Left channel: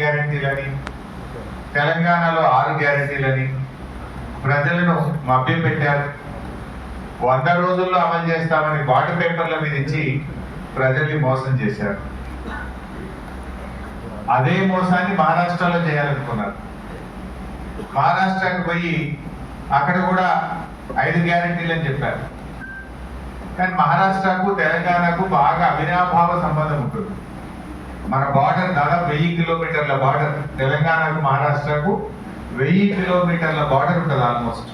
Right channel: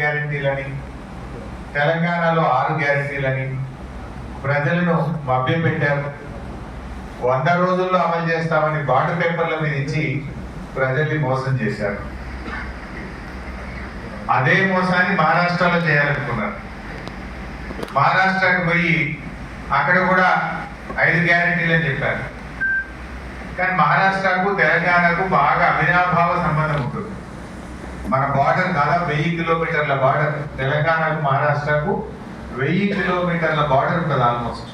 గ్యారెంటీలని, తెలంగాణలో 6 గ్యారెంటీలని ప్రజలను మభ్యపెట్టారు. 100 రోజుల్లో అమలు చేస్తామని బాండ్ పేపర్ల మీద ఇచ్చి ప్రజల్ని మోసం చేశారు. అదే మోసాన్ని మహారాష్ట్రలో చేయాలనుకున్నారు. మహారాష్ట్రకి పోయి అక్కడ కూడా 5 గ్యారెంటీలు అని చెప్పారు. కానీ మహారాష్ట్రకు తెలంగాణకు బాగా అవినాభావ సంబంధం ఉంటుంది. మన బార్డర్ దాదాపు 1000 కిలోమీటర్ల బార్డర్, తెలంగాణకు మహారాష్ట్రకు 1000 కిలోమీటర్ల బార్డర్ ఉంటుంది ఆల్మోస్ట్.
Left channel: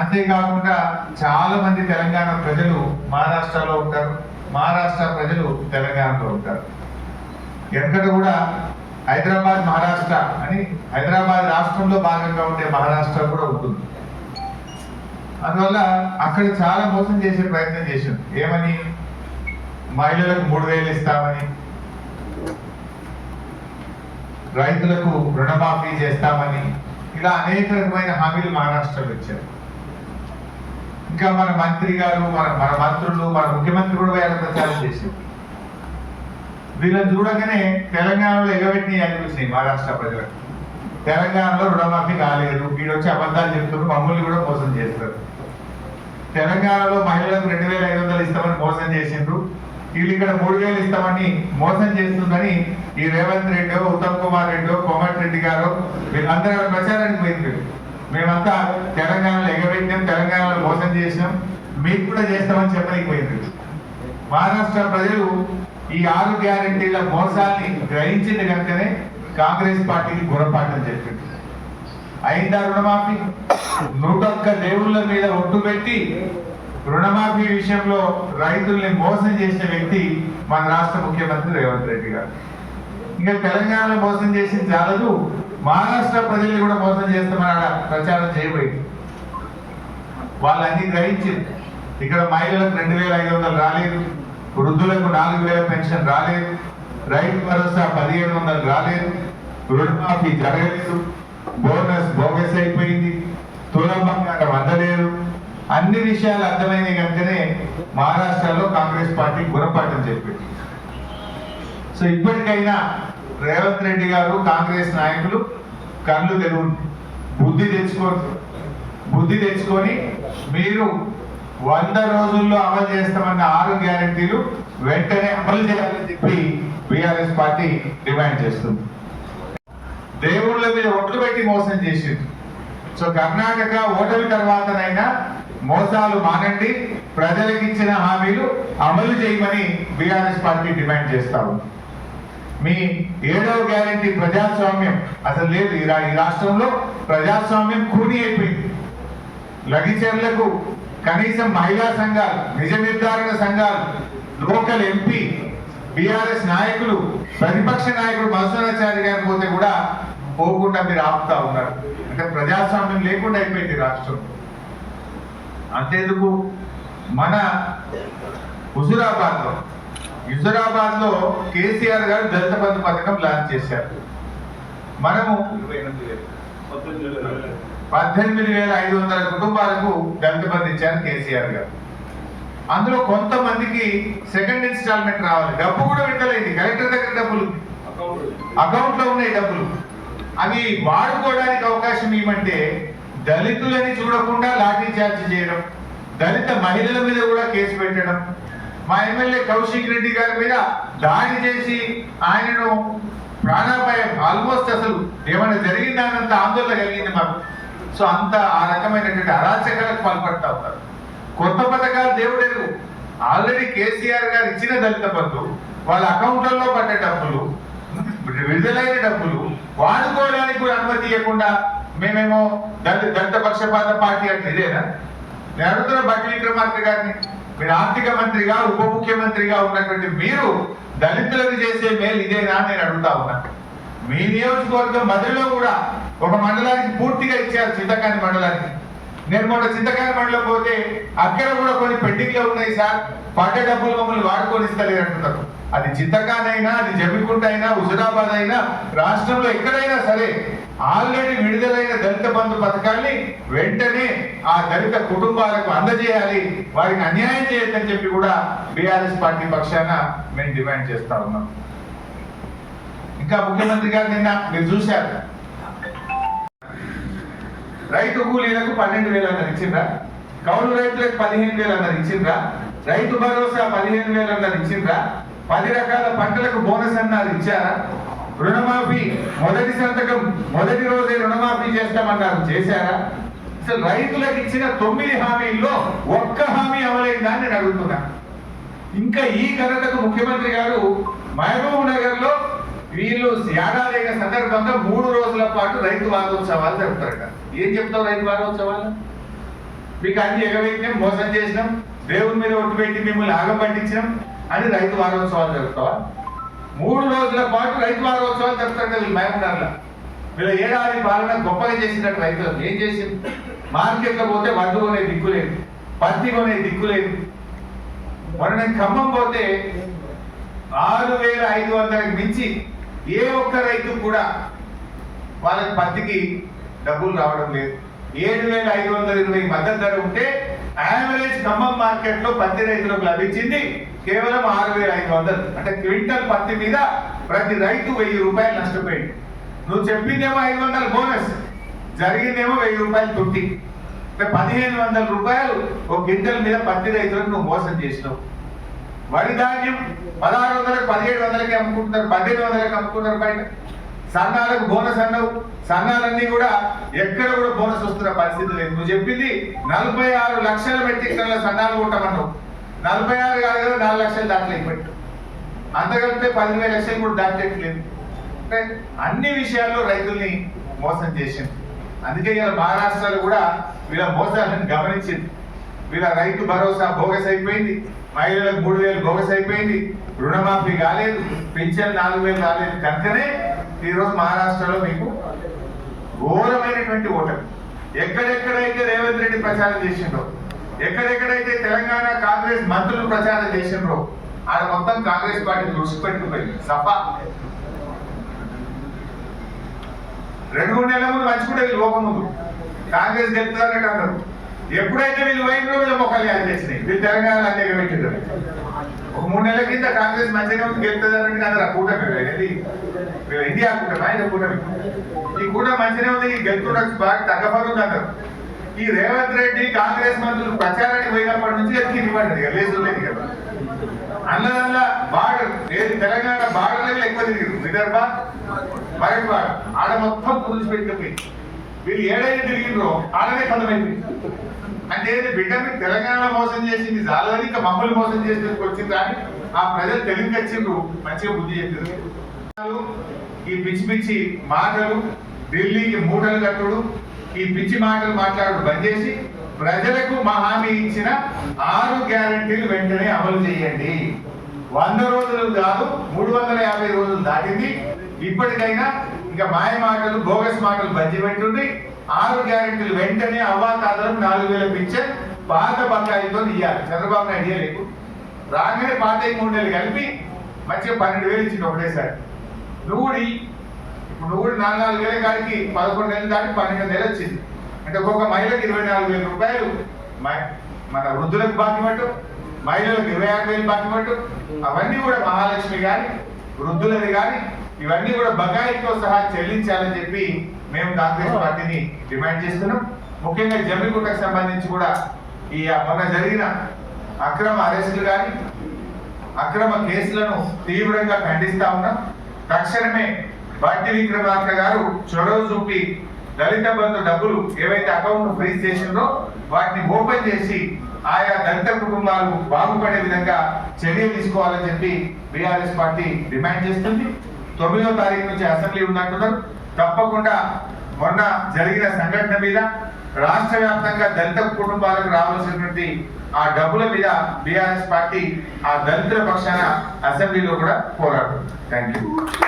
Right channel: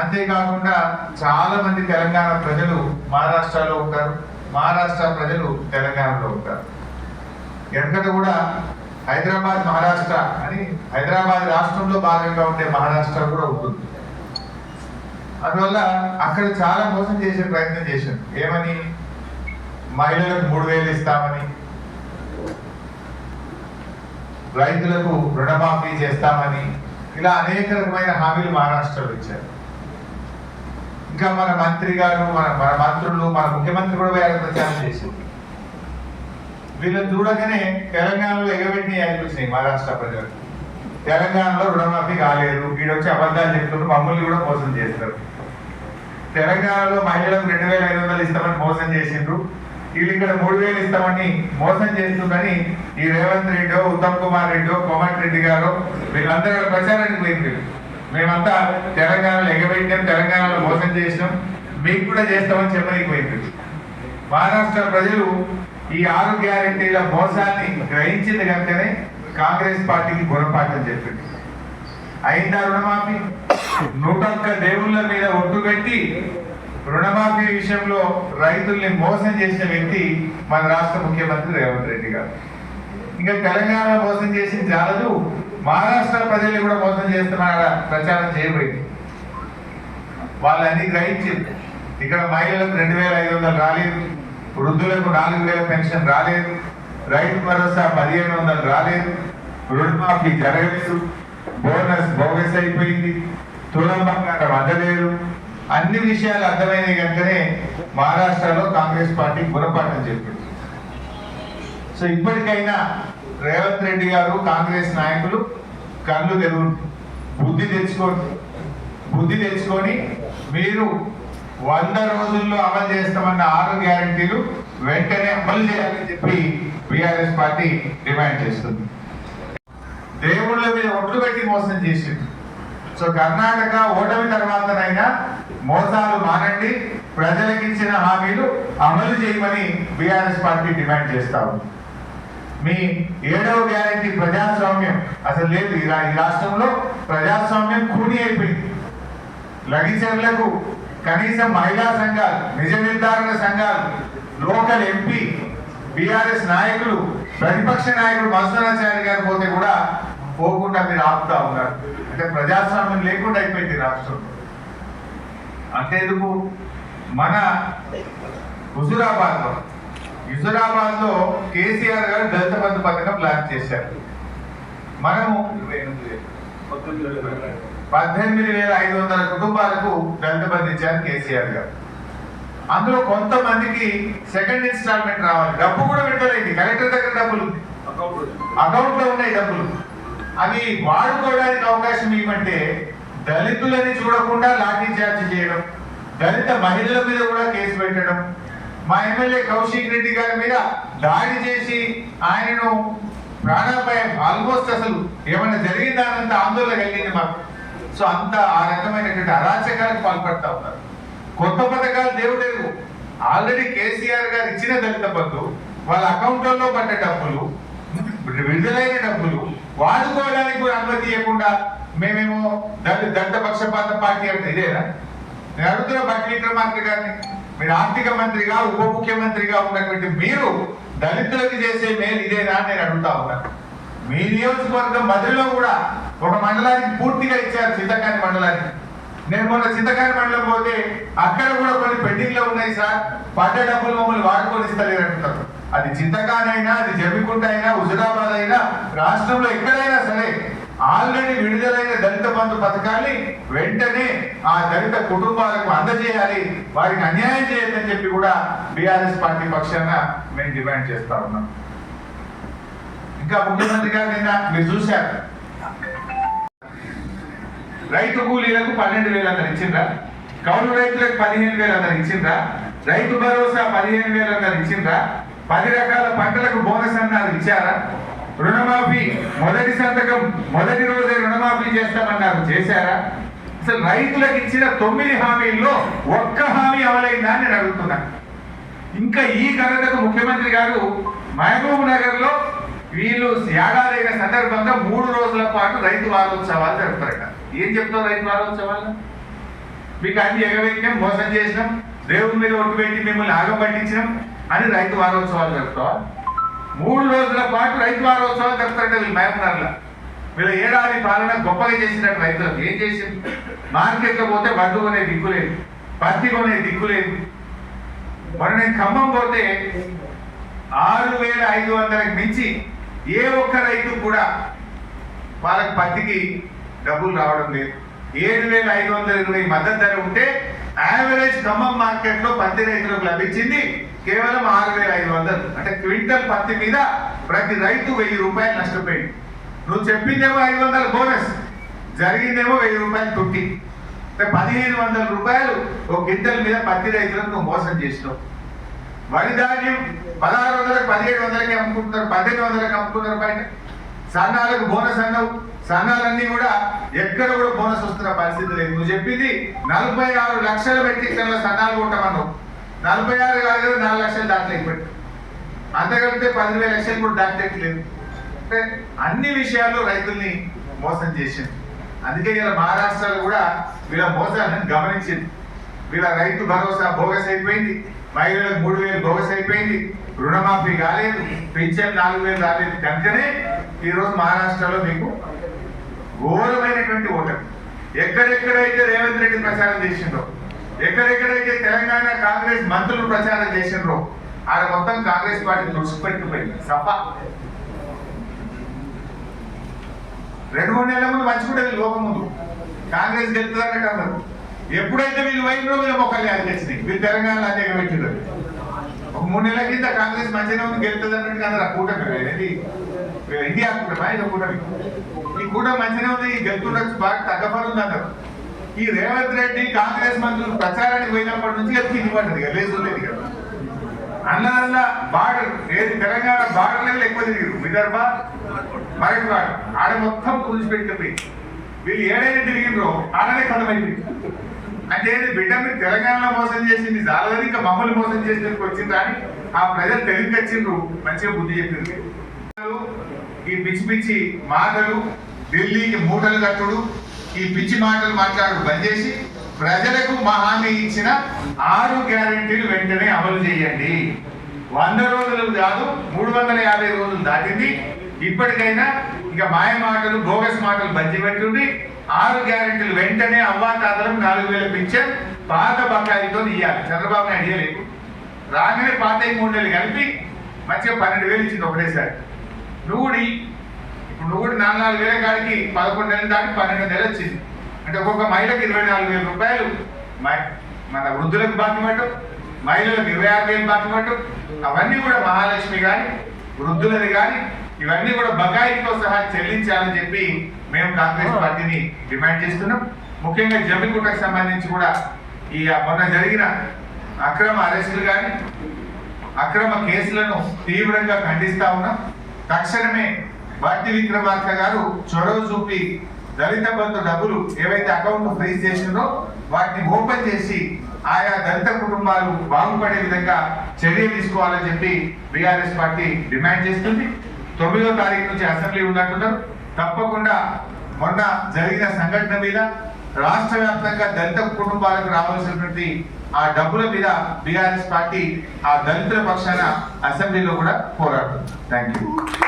అంతేకాకుండా చాలా మంది తెలంగాణ ప్రజలు మహారాష్ట్రలో ఉంటారు, మహారాష్ట్ర ప్రజలు తెలంగాణలో ఉంటారు. ఎక్కడ కూడా హైదరాబాద్ మహారాష్ట్ర అని, హైదరాబాద్ రాష్ట్రంలో భాగంగా ఉండే మహారాష్ట్ర కూడా ఉంటుంది. అందువల్ల అక్కడ చాలా మోసం చేసే ప్రయత్నం చేశాం. ఏమని? మహిళలకు 3000 ఇస్తామని, రైతులకు రుణమాఫీ చేస్తామని, ఇలా అనేక రకమైన హామీలు మహారాష్ట్రలో ఇచ్చారు. ఇంకా మన మంత్రి గారు, మన మంత్రులు, మన ముఖ్యమంత్రి కూడా వేరే ప్రచారం చేశారు. వీళ్ళని చూడగానే తెలంగాణలో ఎగబెట్టిన అనిపించినాయి మహారాష్ట్ర ప్రజలకు. తెలంగాణలో రుణమాఫీ కాలేదు, వీడొచ్చి అబద్ధాలు చెప్తున్నారు, మమ్మల్ని కూడా మోసం చేస్తారు. తెలంగాణలో మహిళలకు 2500 ఇస్తామని మోసం చేసిండ్రు, వీళ్ళు ఇక్కడ 3000 ఇస్తామని మోసం చేస్తుందని ఈ రేవంత్ రెడ్డి, ఉత్తమ్ కుమార్ రెడ్డి, కోమటిరెడ్డి గారు వీళ్ళందరూ ప్రచారానికి పోయింది. మేమంతా తెలంగాణలో ఎగబెట్టాం, తెలంగాణలో మోసం చేసినాం, మీకు కూడా చేస్తామని చెప్పడానికి పోయింది. మహారాష్ట్ర ప్రజలు ఈ 6 గ్యారెంటీల మోసాన్ని గ్రహించింది కనుకనే కాంగ్రెస్ పార్టీకి గుణపాఠం చెప్పింది. అయిందా రుణమాఫీ? 101 దేవుళ్ళ మీద ఒట్టు పెట్టి రుణమాఫీ విషయంలో రైతుల్ని మోసం చేసిన వ్యక్తి మన రాష్ట్ర ముఖ్యమంత్రి రేవంత్ రెడ్డి గారు. ఇంకా తెలంగాణ మోసం చేసింది చాలదు, మహారాష్ట్ర ప్రజలు కూడా మోసం చేస్తున్న ప్రచారం చేయబోయింది. వాళ్ళన్నీ గ్రహించింది. ఇక్కడ మహిళలకు 2500 రాలేదు, వృద్ధులకు 4000 పెన్షన్ రాలేదు, రైతు భరోసా 1500 రాలేదు, రుణమాఫీ జరగలేదు, బోనస్ బోగస్ అయిపోయింది, తులం బంగారం అందలేదు. అన్ని విషయాలు అర్థమైనాయి కనుకనే మహారాష్ట్రలో కాంగ్రెస్ పార్టీ గుణపాఠం చెప్పింది. సో ఇప్పటికైనా రేవంత్ రెడ్డి గారు, కాంగ్రెస్ నాయకులు కళ్ళు తెరువు, బుద్ధి తెచ్చుకొని మీరు 100 రోజుల్లో అమలు చేస్తామన్న 6 గ్యారెంటీలు వెంటనే అమలు చేయాలని చెప్పి బీఆర్ఎస్ పార్టీ డిమాండ్ చేస్తుంది. దేవుళ్ళ మీద ఒట్లు పెట్టి మోసం చేసింది. సో కర్ణాటక ఓటమి తర్వాతనైనా మోసాలు మానండి, ప్రజలకు ఇచ్చిన హామీలు అమలు చేయమని బీఆర్ఎస్ పార్టీ డిమాండ్ చేస్తాము. మీ 7వ గ్యారెంటీ ప్రజాస్వామ్యం అసలు లేదు. ఈ రాష్ట్రంలో ప్రజాస్వామ్యం కూని అయిపోయింది. లగిచర్లకు కనీసం మహిళా సంఘాలు, నిజ నిర్ధారణ సంఘాలు, లోకల్ ఎంపీ, బీఆర్ఎస్ నాయకులు, ప్రతిపక్ష నాయకుడు మధుసూదనాచారి గారు పోతే కూడా పోకుండా మీరు ఆపుతా ఉన్నారు. అంటే ప్రజాస్వామ్యం లేకుండా అయిపోయింది రాష్ట్రం. అంతేందుకు మన హుజురాబాద్ లో కేసీఆర్ గారు దళిత బంధు పథకం లాంచ్ చేశారు. మనము 18,500 కుటుంబాలకు దళిత బంధు ఇచ్చారు కేసీఆర్ గారు. అందులో కొంతమందికి సెకండ్ ఇన్స్టాల్మెంట్ రావాలి. డబ్బు కూడా పెట్టలేదు, కలెక్టర్ దగ్గర డబ్బులు అకౌంట్ లో ఉన్నాయి డబ్బులు. అవి వాడుకోవడానికి అవకాశం ఇవ్వమంటే దళితులని చూడకుండా లాఠీ చార్జ్ చేయడం, దళిత మహిళల మీద కూడా కేసు పెట్టడం, మా ఎమ్మెల్యే కౌశిక్ రెడ్డి గారి మీద దాడి చేసి ఆయనను ప్రాణాపాయం, ఆల్మోస్ట్ అసలు ఏమైనా జరిగిందానంత ఆందోళన కలిగింది మాకు. సో అంత ఆ రకమైనటువంటి అరాచకాలకు పాల్పడతా ఉన్నారు. కొత్త పథకాలు దేవుడేరు. ఆల్రెడీ కేసీఆర్ గారు ఇచ్చిన దళిత బంధు వాళ్ళ అకౌంట్లలో పడ్డ డబ్బులు, విడుదలైన డబ్బులు వాడుకోవడానికి కూడా అనుమతి ఇవ్వకుండా మేమేమో దళిత పక్షపాత పార్టీ అంటే ఇదేనా? నేను అడుగుతున్న బట్టి విక్రమార్క గారిని, మీరు ఆర్థిక మంత్రిగా, ఉప ముఖ్యమంత్రిగా ఉన్నటువంటి మీరు దళితులకు చేసే మేలు ఇదేనా నేను అడుగుతా ఉన్నాను. మీ నియోజకవర్గం మధ్యలో కూడా ఒక మండలానికి పూర్తిగా ఇచ్చారు, చింతకాని మండలానికి. నేను మొన్న చింతకాని మండలం పోతే అక్కడ కూడా కొన్ని పెండింగ్ లో ఉన్నాయి సార్, పడ్డ డబ్బులు మమ్మల్ని వాడుకొని ఇస్తలేరు అంటున్నారు. అది చింతకాని అయినా, అది జమ్మికుంట అయినా, హుజురాబాద్ అయినా, రాష్ట్రంలో ఎక్కడైనా సరే ఆల్రెడీ విడుదలైన దళిత బంధు పథకాన్ని వెంటనే ఆ దళిత కుటుంబాలకు అందజేయాలి, వారికి అన్యాయం చేయొద్దని చెప్పి కూడా బీఆర్ఎస్ పార్టీ పక్షాన మేము డిమాండ్ చేస్తా ఉన్నాం. ఇంకా ఇంకా ముఖ్యమంత్రి గారు నిన్న మీరు చూశారు, రైతు కూలీలకు 12,000 అన్నారు ఇచ్చిండ్రా, కౌలు రైతులకు 15,000 అన్నారు ఇచ్చిండ్రా, రైతు భరోసా 15,000 అన్నారు ఇచ్చిండ్రా, 10 రకాల పంటలకు బోనస్ అన్నారు ఇచ్చారా, రుణమాఫీ మొదటి సంతకం మొదటి రోజే రుణమాఫీ చేస్తామన్నారు చేశారా? అసలు రైతులకు ఇచ్చిన 9 హామీల్లో ఒక్క హామీ అమలైందా అని నేను అడుగుతున్నా. ఇంకా ఈ ఘనతకు ముఖ్యమంత్రి గారు మహబూబ్ నగర్ లో వీళ్ళు యాగాదైన సందర్భంగా 3 రోజుల పాటు రైతు వారోత్సవాలు జరుపుతారట. ఏం చెప్తావు రైతు వారోత్సవాలు? మీకు అన్ని ఎగబెట్టినాం, మోసం చేసినాం, దేవుని మీద ఒట్టు పెట్టి మిమ్మల్ని ఆగం పట్టించినాం అని రైతు వారోత్సవాలు జరుపుతావా? 3 రోజుల పాటు రైతు వారోత్సవాలు జరుపుతారట వీళ్ళు మహబూబ్ నగర్లో. వీళ్ళ ఏడాది పాలన గొప్పగా చేసినట్టు రైతులకు ఏం చేసింది? మార్కెట్లో పోతే వడ్డు కొనే దిక్కు లేదు, పత్తి కొనే దిక్కు లేదు. మొన్న నేను ఖమ్మం పోతే 6,500కి మించి ఏ ఒక్క రైతు కూడా వాళ్ళకి పత్తికి డబ్బులు రావడం లేదు. 7,520 మద్దతు ధర ఉంటే యావరేజ్ ఖమ్మం మార్కెట్ లో పత్తి రైతులకు లభించింది కేవలం 6,500. అంటే క్వింటల్ పత్తి మీద ప్రతి రైతు 1,000 రూపాయలు నష్టపోయింది. నువ్వు చెప్పిందేమో 500 బోనస్, జరిగిందేమో 1,000 రూపాయలు తుట్టి. 1,500 రూపాయలు ఒక గింటల మీద పత్తి రైతులకు నువ్వు మోసం చేసినావు. వరి ధాన్యం 1,600కి 1,700కి అమ్ముకుంటున్నారు, 1,800కి అమ్ముకుంటున్నారు బయట. సన్నాలకు బోనస్ అన్నావు, సన్నాలన్నీ కూడా ఎక్కడ కూడా బోనస్ వస్తున్న పరిస్థితి లేదు. నువ్వు చెప్పింది 46 లక్షల మెట్రిక్ టన్నుల సన్నాలు కొట్టమన్నావు. 46 కాదు కదా, 4 లక్షలు దాంట్లో ఇప్పటి అంతకంటే 10,000 లక్షలు కూడా దాటట్లేదు. అంటే అన్ని విషయాల్లో రైతుల్ని మోసం చేసింది. అందుకే ఇలా మహారాష్ట్రలో కూడా వీళ్ళ మోసాలను గమనించింది. వీళ్ళ రైతు భరోసా బోగస్ అయిపోయింది, మహిళలకు 3,000 బోగస్ అయిపోయింది, రుణమాఫీ కాలేదు, పింఛన్ 4,000 రాలేదు. కనుకనే ఈరోజు మహారాష్ట్రలో మీకు ఘోరమైనటువంటి ఓటమి. ఎక్కడెక్కడైతే రేవంత్ రెడ్డి ప్రచారం చేసిండ్రో, ఎక్కడెక్కడైతే తెలంగాణ కాంగ్రెస్ మంత్రులు ప్రచారం చేసిండ్రో, ఆడ మొత్తం కాంగ్రెస్ పార్టీ దుడిచిపెట్టుకుపోయింది. సభ 2-3 నెలల ముందు మంచుకుంటే వీళ్ళు పోకముందు కాంగ్రెస్ గెలుతుందన్నట్టు అన్నారు. ఎప్పుడైతే వీళ్ళు పోయినో వీళ్ళు మొక్కలు చేసినాయి. వీళ్ళు తెలంగాణలో అన్యాయం పెట్టిండ్రు. ఒక 3 నెలల కింద కాంగ్రెస్ మంచిగా ఉంది గెలుతుంది అన్నట్టు అన్నారు. ఆ కూటమి ఇది ఇండియా కూటమి, ఆయన కూటమి. ఈ కూటమి మంచిగా ఉంది, గెలుతుండొచ్చు, బాగా తగ్గపడుతుంది అన్నారు. ఈ రేవంత్ రెడ్డి కాంగ్రెస్ మంత్రులు ప్రచారానికి పోయినప్పటి నుంచి ఎత్తి పడింది లేదు లేదు కదా. అన్నదల్లా బార్డర్ ఏది తెలంగాణ బార్డర్ లెవెల్ ఎక్కువ తిరిగారు. విదర్భ మరొక ఆడ మొత్తం కూల్చిపెట్టిపోయి వీళ్ళు ఏడైనా తిరిగిండ్రో ఆడనే కథమైంది. అంటే బిడ్డ మీరు తెలంగాణలో మోసం చేసింది చాలని ఇంకా మమ్మల్ని మోసం చేసేందుకు వచ్చింది కానీ ఆ ప్రజలు తెలివికి వచ్చిండ్రు, మంచిగా బుద్ధి చెప్పిండ్రు. ఈ పిచ్చి పిచ్చి మాటలు, ఢిల్లీకి మూటలు కట్టుడు, ఈ పిచ్చి మాటలు మాట్లాడు బంద్ చేసి ప్రజలకు మా హామీ ఇచ్చిన 6 గ్యారెంటీలు వెంటనే అమలు చేయండి. 100 రోజులు కాదు, 350 రోజులు దాటింది. ఇప్పటికైనా ఇక మాయ మాటలు, బోగస్ మాటలు బంద్ పెట్టుండి 6 గ్యారెంటీలు వెంటనే అవ్వాతాతలకు 4,000 పింఛన్ పాత బకాయితో ఇవ్వాలి. చంద్రబాబు నాయుడు ఇవ్వలేదు. రాగానే పాత 3 నెలలు కలిపి మంచిగా 12,000 ఇచ్చింది ఒకటేసారి. నువ్వు ఇప్పుడు 4,000 కాడికి 11 నెలలు దాటి 12 నెలలు వచ్చింది. అంటే ఒక్కొక్క మహిళకు 24,000 రూపాయలు మన వృద్ధులకు బాకిమట్టు, మహిళలకు 26,000 బాకిమట్టు. అవన్నీ కూడా మహాలక్ష్మి కానీ వృద్ధులది కానీ ఇవన్నీ కూడా బకాయితో సహా చెల్లించాలని చెప్పి మేము కాంగ్రెస్ పార్టీని డిమాండ్ చేస్తున్నాం. ముఖ్యంగా జమ్మిగుట్టకు సంబంధించి కూడా ఈ మొన్న జరిగిన అక్రమ అరెస్టులు కానీ అక్రమ కేసులను తీవ్రంగా ఖండిస్తా ఉన్నాం. తక్షణమే బట్టి విక్రమార్క గారు చొరవ చూపి దళిత బంధు డబ్బులు ఏవైతే అకౌంట్ ఫ్రీజ్ చేసిందో వాటిని ఓపెన్ చేసి ఆయా దళిత కుటుంబాలు బాగుపడే విధంగా చర్యలు తీసుకోవాలని చెప్పి బీఆర్ఎస్ పార్టీ డిమాండ్ చేస్తుంది. 9వ తారీఖు నుంచి అసెంబ్లీ ఉన్నట్టున్నారు. తప్పకుండా మొన్న జరిగిన సంఘటన మీద రాష్ట్ర వ్యాప్తంగా దళిత కుటుంబాలకు రావాల్సినటువంటి ఆ డబ్బుల మీద బీఆర్ఎస్ పార్టీ ఆ దళితుల పక్షాన అసెంబ్లీలో కూడా పోరాడుతుంది. Thank you.